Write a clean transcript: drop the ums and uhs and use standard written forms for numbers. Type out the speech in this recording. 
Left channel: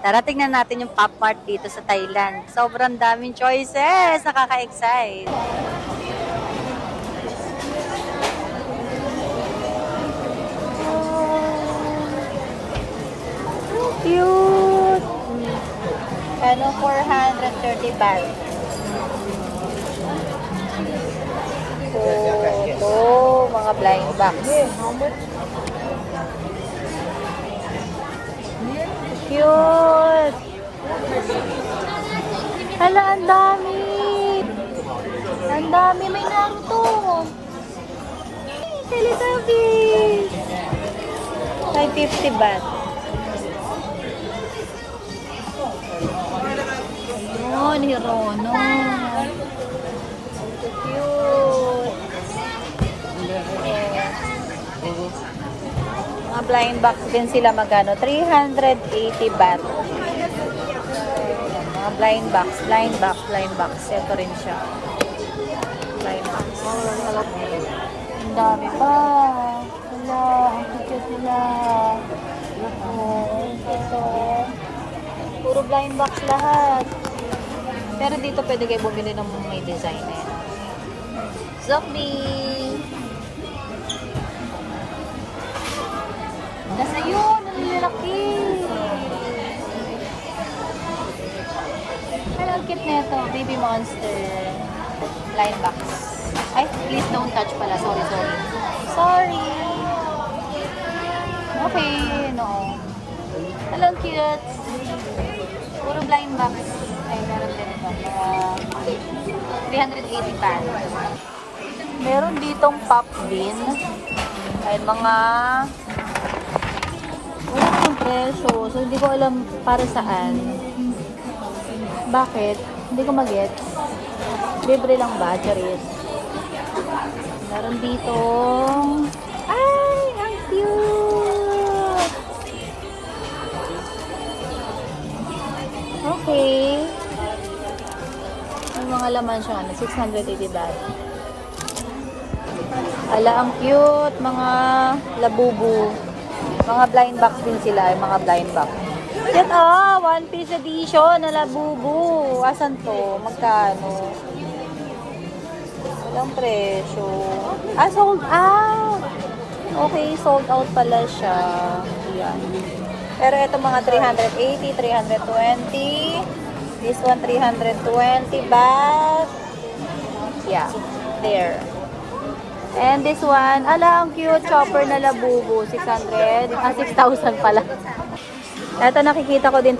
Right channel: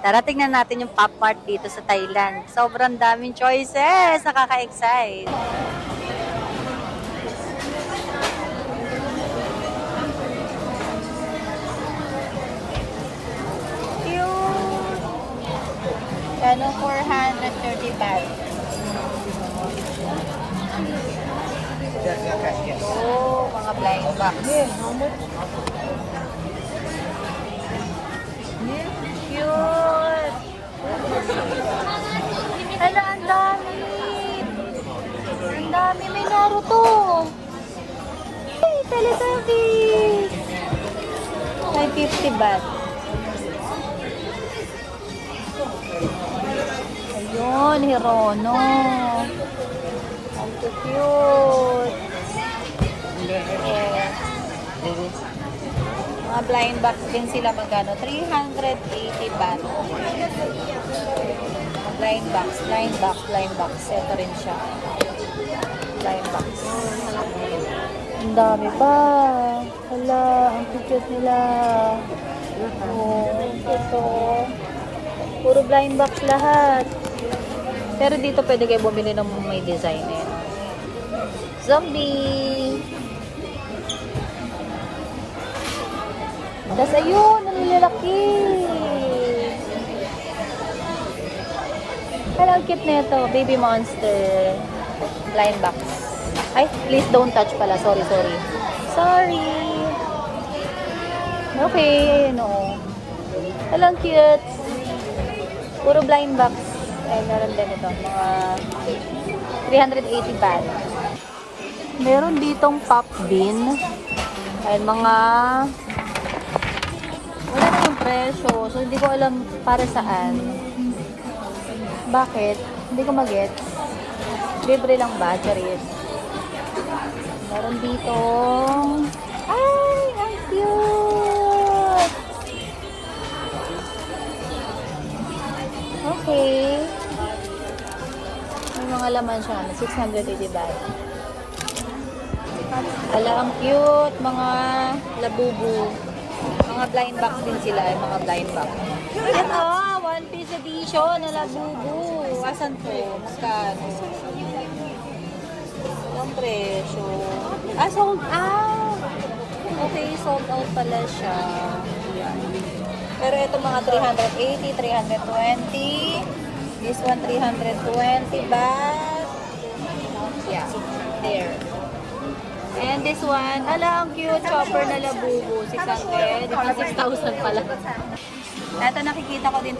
Tara, tingnan natin yung Pop Mart dito sa Thailand. Sobrang daming choices. Nakaka-excite. Cute! Ano, 430 baht. So, mga blind bags. Cute! Hala, ang dami! Ang dami! May Naruto! Ay, Teletubbies! 550 baht. Ayun, Hirono. Ang cute! Mga blind box din sila magano, 380 baht. Mga blind box. Ito rin siya. Blind box. Ang dami pa. Wala, ang cute nila. Ito. Puro blind box lahat. Pero dito pwede kayo bumili ng may design. Zombie! Tapos ayun, ang lalaki. Parang cute na ito. Baby monster. Blind box. Ay, please don't touch pala. Sorry. Okay, no. Parang cute. Puro blind box. Ay, meron din ito. Mga 380 baht. Meron ditong pop din. Ay, mga wala namang presyo. So, hindi ko alam para saan. Bakit? Hindi ko mag-get. Libre lang ba? Charit. Meron ditong ay, ang cute! Okay. May mga laman siya. 680 baht. Ala, ang cute. Mga labubu. Mga blind box din sila, mga blind box. Yan, One Piece edition na labubu. Asan to? Magkano? Walang presyo. Sold out! Okay, sold out pala siya. Yan. Pero ito mga 380, 320. This one, 320 baht. Yeah, there. And this one, ala, ang cute, chopper na labubu, 600, 6,000 pala. Ito nakikita ko din to